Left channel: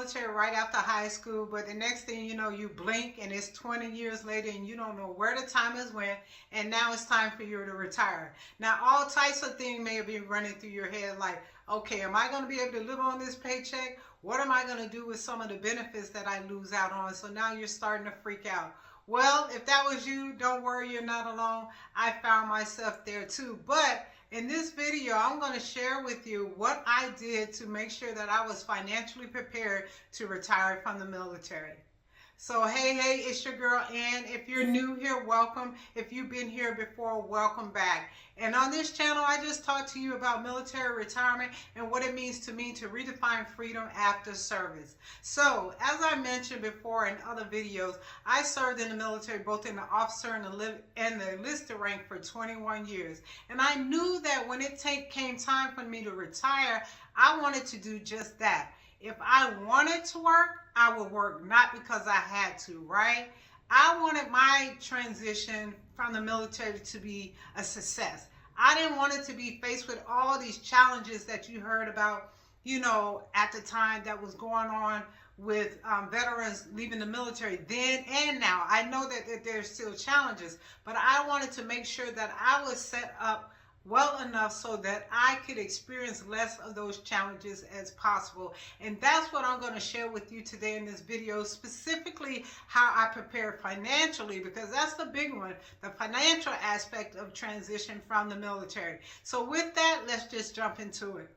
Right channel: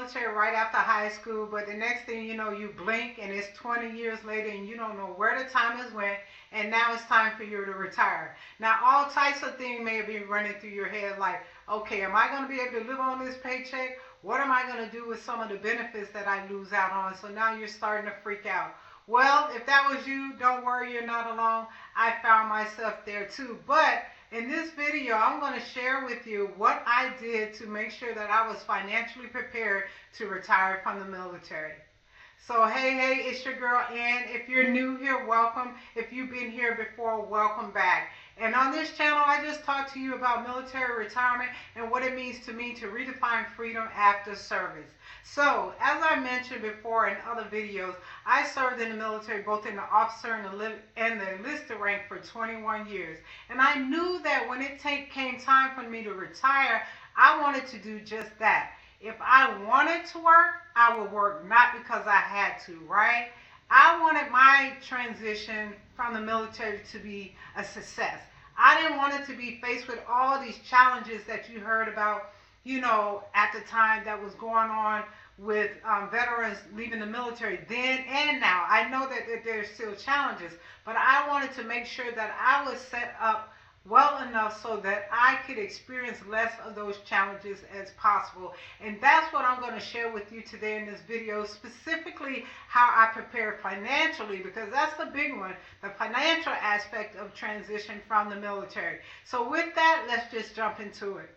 military right after high school, but the next thing you know, you blink and it's 20 years later and you don't know where the time has went, and now it's time for you to retire. Now, all types of things may be running through your head like, okay, am I going to be able to live on this paycheck? What am I going to do with some of the benefits that I lose out on? So now you're starting to freak out. Well, if that was you, don't worry, you're not alone. I found myself there too. But in this video, I'm going to share with you what I did to make sure that I was financially prepared to retire from the military. So hey, it's your girl Ann. If you're new here, welcome. If you've been here before, welcome back. And on this channel, I just talk to you about military retirement and what it means to me to redefine freedom after service. So, as I mentioned before in other videos, I served in the military both in the officer and the enlisted rank for 21 years. And I knew that when it came time for me to retire, I wanted to do just that. If I wanted to work, I would work, not because I had to, right? I wanted my transition from the military to be a success. I didn't want it to be faced with all these challenges that you heard about, at the time that was going on with veterans leaving the military then and now. I know that there's still challenges, but I wanted to make sure that I was set up well enough so that I could experience less of those challenges as possible. And that's what I'm going to share with you today in this video, specifically how I prepare financially, because that's the big one, the financial aspect of transition from the military. So with that, let's just jump into it.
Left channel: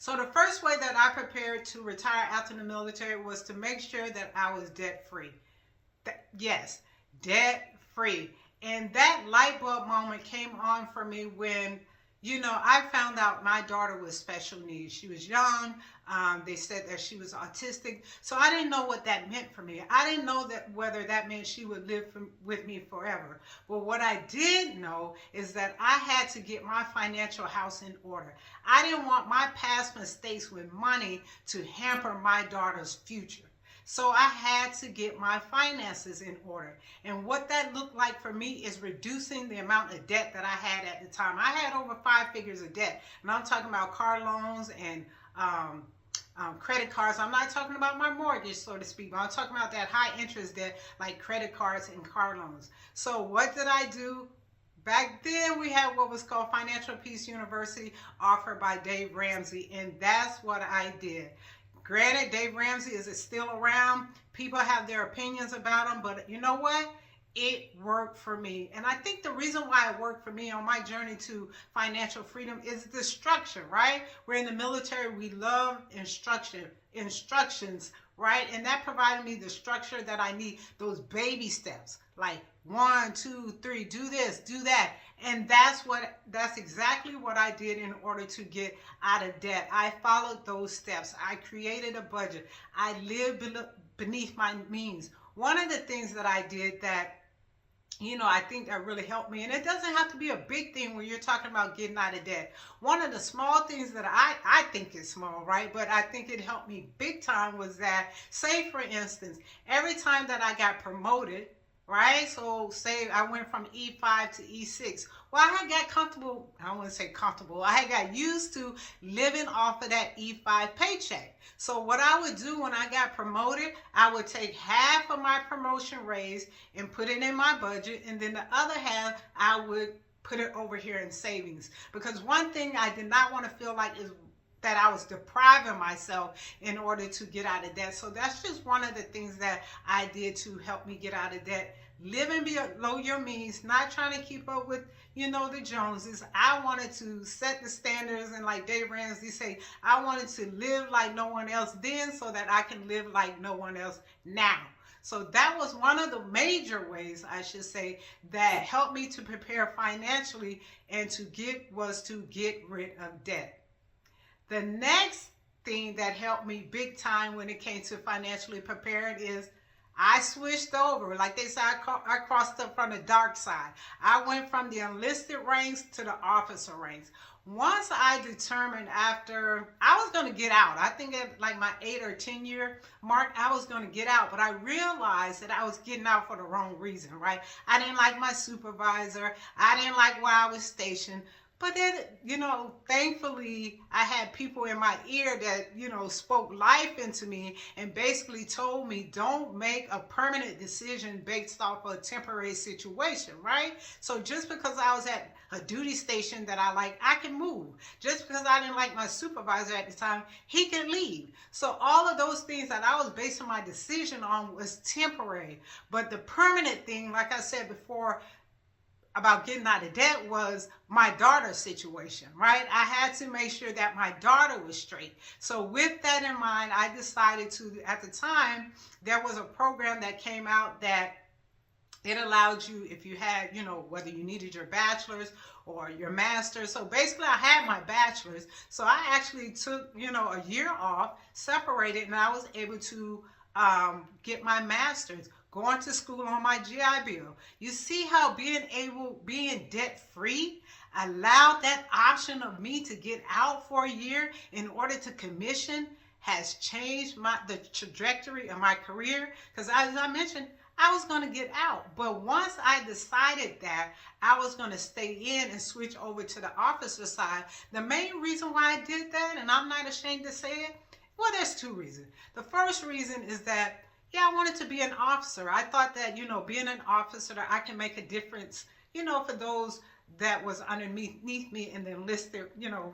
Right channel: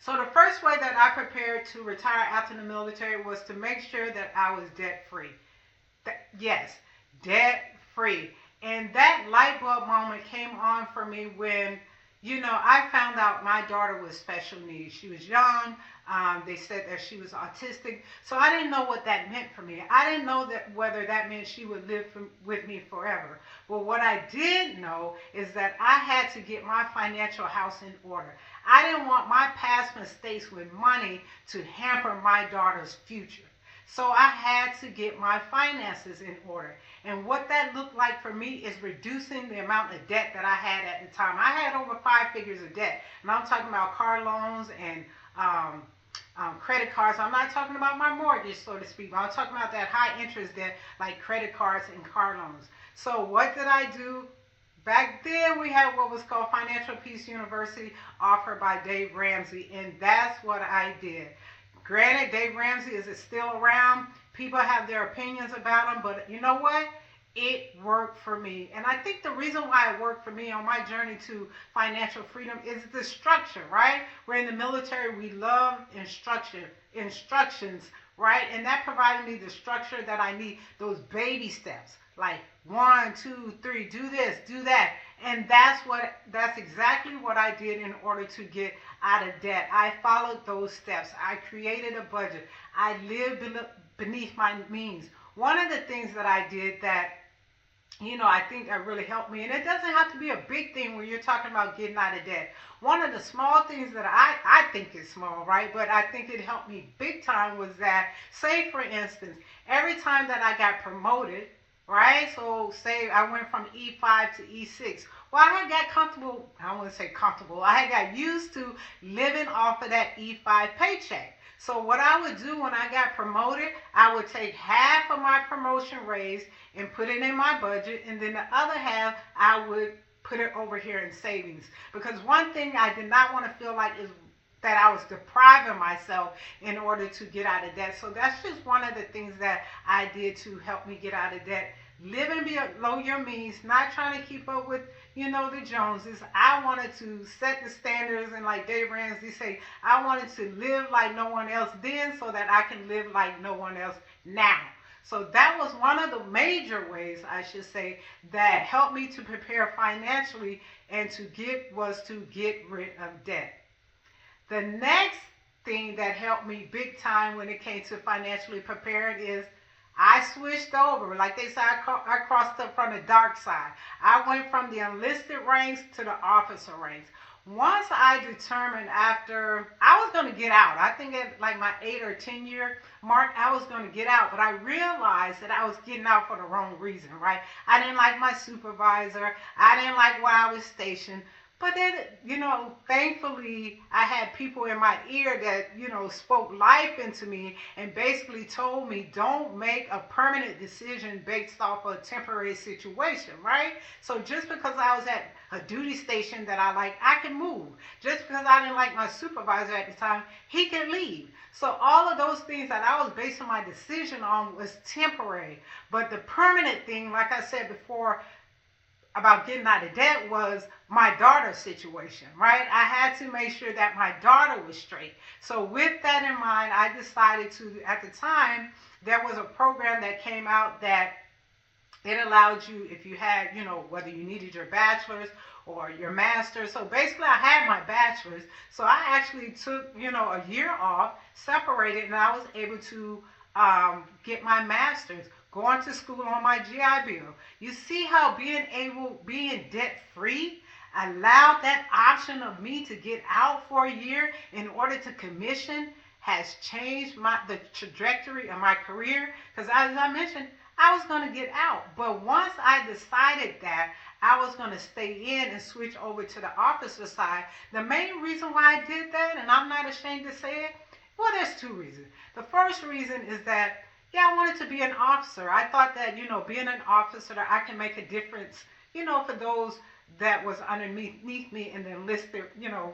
So the first way that I prepared to retire after the military was to make sure that I was debt-free. Yes, debt-free. And that light bulb moment came on for me when, I found out my daughter was special needs. She was young. They said that she was autistic. So I didn't know what that meant for me. I didn't know whether that meant she would live with me forever. But what I did know is that I had to get my financial house in order. I didn't want my past mistakes with money to hamper my daughter's future. So I had to get my finances in order. And what that looked like for me is reducing the amount of debt that I had at the time. I had over 5 figures of debt. And I'm talking about car loans and credit cards. I'm not talking about my mortgage, so to speak, but I'm talking about that high interest debt like credit cards and car loans. So what did I do? Back then, we had what was called Financial Peace University, offered by Dave Ramsey, and that's what I did. Granted, Dave Ramsey is still around. People have their opinions about him, but you know what? It worked for me. And I think the reason why it worked for me on my journey to financial freedom is the structure, right? We're in the military. We love instructions, right? And that provided me the structure that I need, those baby steps, like 1, 2, 3, do this, do that. And that's exactly what I did in order to get out of debt. I followed those steps. I created a budget. I lived beneath my means. One of the things that I did that, I think that really helped me, and it doesn't have to be a big thing when you're talking about getting out of debt. One of the small things that I think is small, right? But I think it helped me big time was that, say for instance, every time that I got promoted, right? So say I went from E5 to E6. Well, I had got comfortable, I don't want to say comfortable, I had got used to living off of that E5 paycheck. So what I would do when I got promoted, I would take half of my promotion raise and put it in my budget, and then the other half I would put it over here in savings. Because one thing I did not want to feel like is that I was depriving myself in order to get out of debt. So that's just one of the things that I did to help me get out of debt. Living below your means, not trying to keep up with, the Joneses. I wanted to set the standards, and like Dave Ramsey say, I wanted to live like no one else then so that I can live like no one else now. So that was one of the major ways, I should say, that helped me to prepare financially and to get rid of debt. The next thing that helped me big time when it came to financially preparing is I switched over. Like they say, I crossed up from the dark side. I went from the enlisted ranks to the officer ranks. Once I determined after I was going to get out, I think at like my 8 or 10 year mark, I was going to get out. But I realized that I was getting out for the wrong reason, right? I didn't like my supervisor. I didn't like where I was stationed. But then, thankfully, I had people in my ear that, spoke life into me and basically told me, don't make a permanent decision based off a temporary situation, right? So just because I was at a duty station that I like, I can move. Just because I didn't like my supervisor at the time, he can leave. So all of those things that I was basing my decision on was temporary. But the permanent thing, like I said before, about getting out of debt was my daughter's situation, right? I had to make sure that my daughter was straight. So with that in mind, I decided to, at the time, there was a program that came out that it allowed you, if you had, whether you needed your bachelor's or your master's. So basically, I had my bachelor's. So I actually took, a year off, separated, and I was able to get my master's, going to school on my GI Bill. You see how being debt free allowed that option of me to get out for a year in order to commission has changed the trajectory of my career. Because as I mentioned, I was going to get out. But once I decided that I was going to stay in and switch over to the officer side, the main reason why I did that, and I'm not ashamed to say it, well, there's two reasons. The first reason is that, yeah, I wanted to be an officer. I thought that, being an officer, that I can make a difference, for those that was underneath me in the enlisted,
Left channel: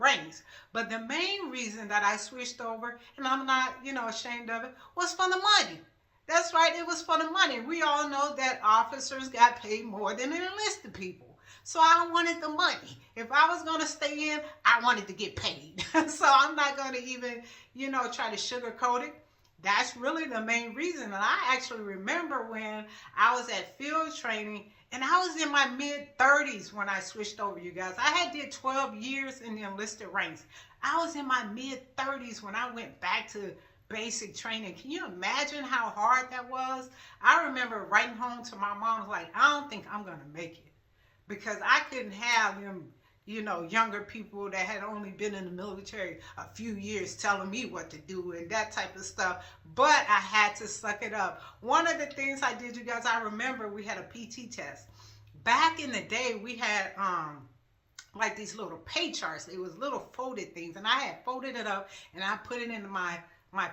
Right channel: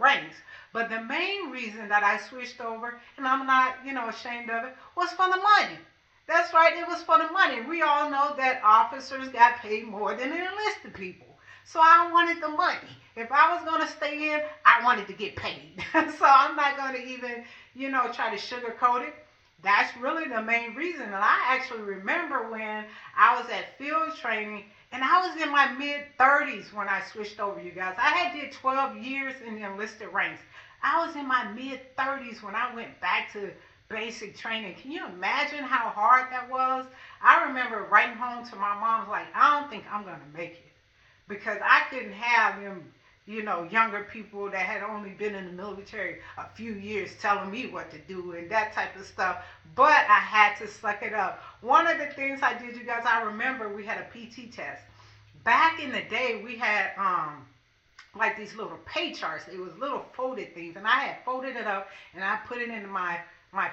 ranks. But the main reason that I switched over, and I'm not, ashamed of it, was for the money. That's right, it was for the money. We all know that officers got paid more than enlisted people. So I wanted the money. If I was going to stay in, I wanted to get paid. So I'm not going to even, try to sugarcoat it. That's really the main reason. And I actually remember when I was at field training, and I was in my mid-30s when I switched over, you guys. I had did 12 years in the enlisted ranks. I was in my mid-30s when I went back to basic training. Can you imagine how hard that was? I remember writing home to my mom, like, I don't think I'm going to make it. Because I couldn't have them, younger people that had only been in the military a few years telling me what to do and that type of stuff. But I had to suck it up. One of the things I did, you guys, I remember we had a PT test. Back in the day, we had like these little pay charts. It was little folded things, and I had folded it up and I put it into my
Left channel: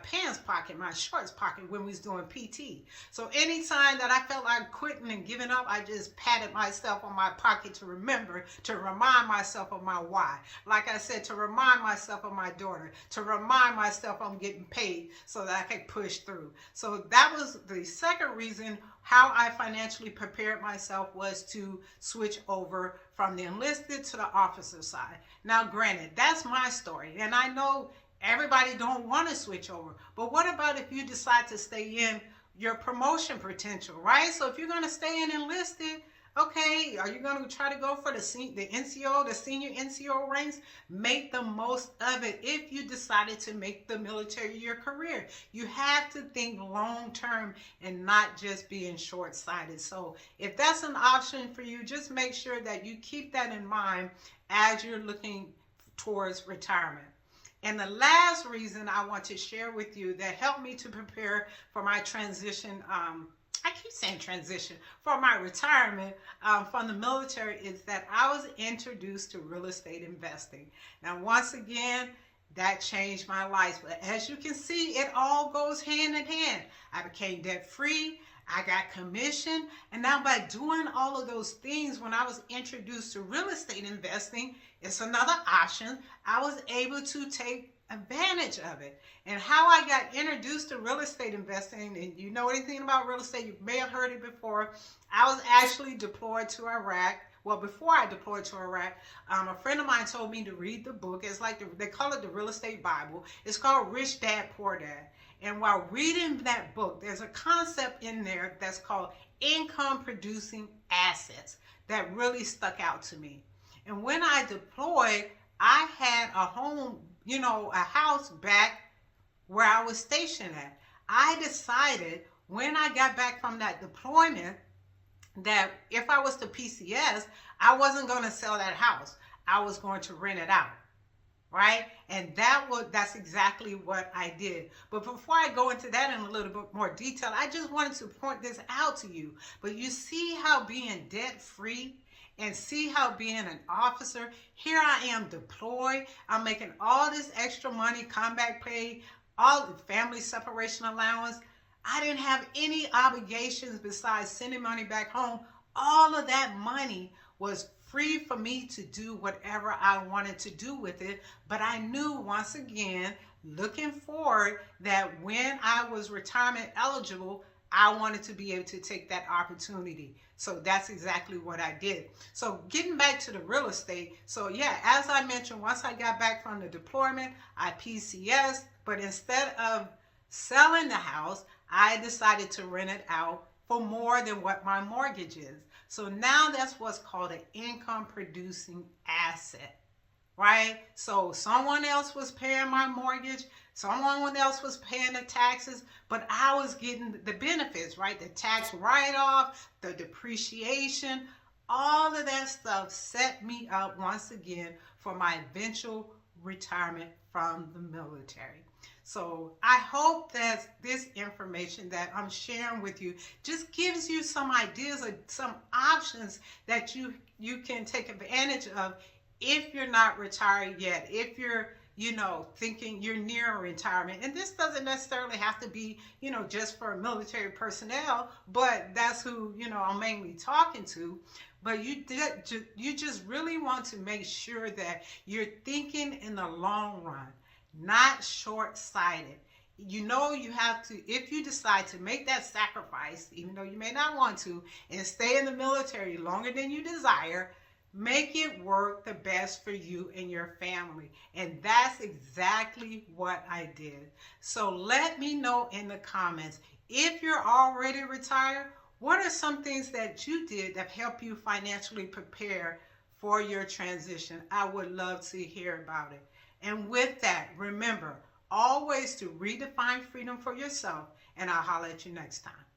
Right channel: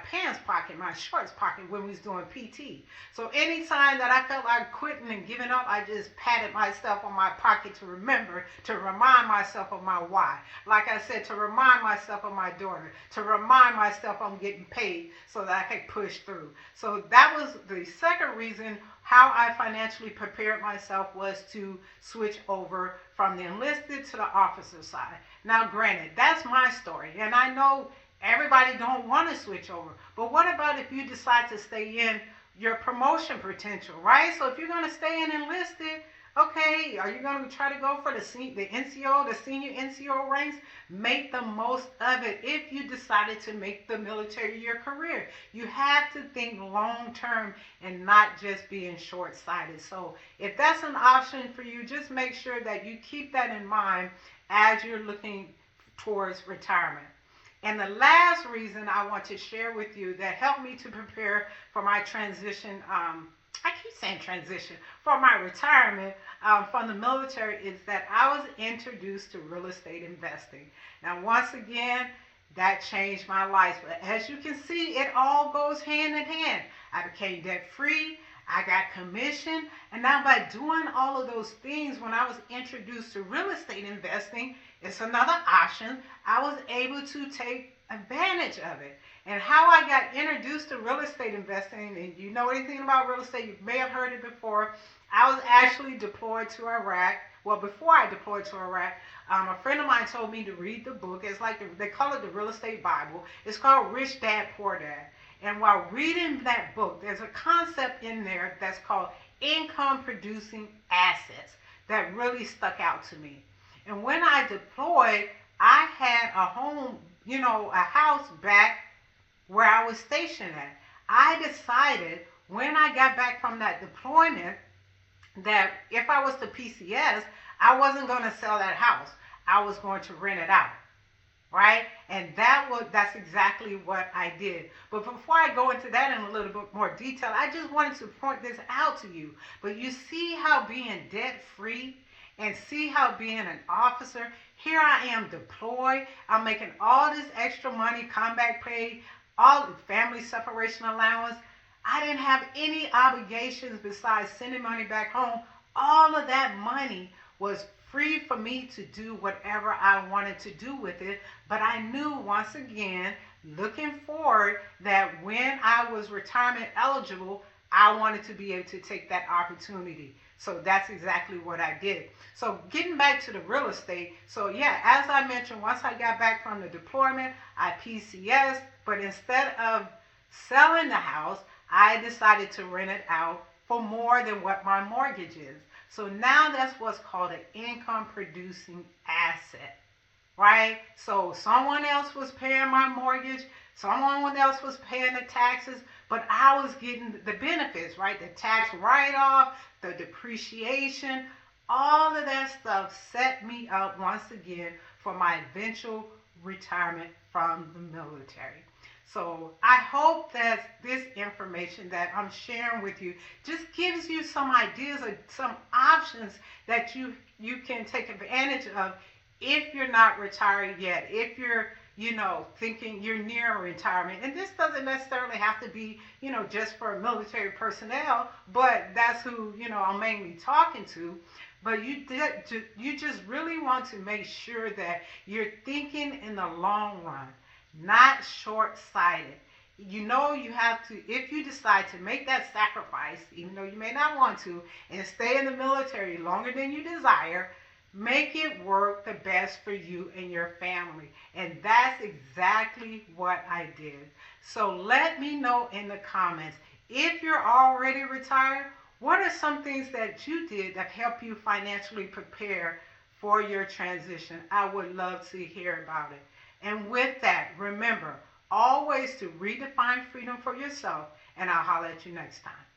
pants pocket, my shorts pocket when we was doing PT. So anytime that I felt like quitting and giving up, I just patted myself on my pocket to remember, to remind myself of my why. Like I said, to remind myself of my daughter, to remind myself I'm getting paid so that I could push through. So that was the second reason how I financially prepared myself, was to switch over from the enlisted to the officer side. Now, granted, that's my story, and I know everybody don't want to switch over. But what about if you decide to stay in your promotion potential, right? So if you're going to stay in enlisted, okay, are you going to try to go for the NCO, the senior NCO ranks? Make the most of it if you decided to make the military your career. You have to think long term and not just being short-sighted. So if that's an option for you, just make sure that you keep that in mind as you're looking towards retirement. And the last reason I want to share with you that helped me to prepare for my transition, I keep saying transition, for my retirement from the military, is that I was introduced to real estate investing. Now, once again, that changed my life. But as you can see, it all goes hand in hand. I became debt free. I got commission. And now by doing all of those things, when I was introduced to real estate investing, it's another option. I was able to take advantage of it. And how I got introduced to real estate investing, and you know anything about real estate, you may have heard it before. I was actually deployed to Iraq. Well, before I deployed to Iraq, a friend of mine told me to read the book. It's like they call it the Real Estate Bible. It's called Rich Dad, Poor Dad. And while reading that book, there's a concept in there that's called income producing assets that really stuck out to me. And when I deployed, I had a home, a house back where I was stationed at. I decided when I got back from that deployment that if I was to PCS, I wasn't going to sell that house. I was going to rent it out. Right? And that's exactly what I did. But before I go into that in a little bit more detail, I just wanted to point this out to you. But you see how being debt free and see how being an officer, here I am deployed, I'm making all this extra money, combat pay, all the family separation allowance. I didn't have any obligations besides sending money back home. All of that money was free for me to do whatever I wanted to do with it. But I knew, once again, looking forward, that when I was retirement eligible, I wanted to be able to take that opportunity. So that's exactly what I did. So getting back to the real estate. So yeah, as I mentioned, once I got back from the deployment, I PCS, but instead of selling the house, I decided to rent it out for more than what my mortgage is. So now that's what's called an income producing asset, right? So someone else was paying my mortgage, someone else was paying the taxes, but I was getting the benefits, right? The tax write-off, the depreciation, all of that stuff set me up once again for my eventual retirement from the military. So I hope that this information that I'm sharing with you just gives you some ideas or some options that you can take advantage of if you're not retired yet, if you're thinking you're near retirement. And this doesn't necessarily have to be, just for military personnel, but that's who, I'm mainly talking to. But you just really want to make sure that you're thinking in the long run, not short-sighted. You have to, if you decide to make that sacrifice, even though you may not want to, and stay in the military longer than you desire, make it work the best for you and your family. And that's exactly what I did. So let me know in the comments, if you're already retired, what are some things that you did that help you financially prepare for your transition? I would love to hear about it. And with that, remember always to redefine freedom for yourself, and I'll holler at you next time.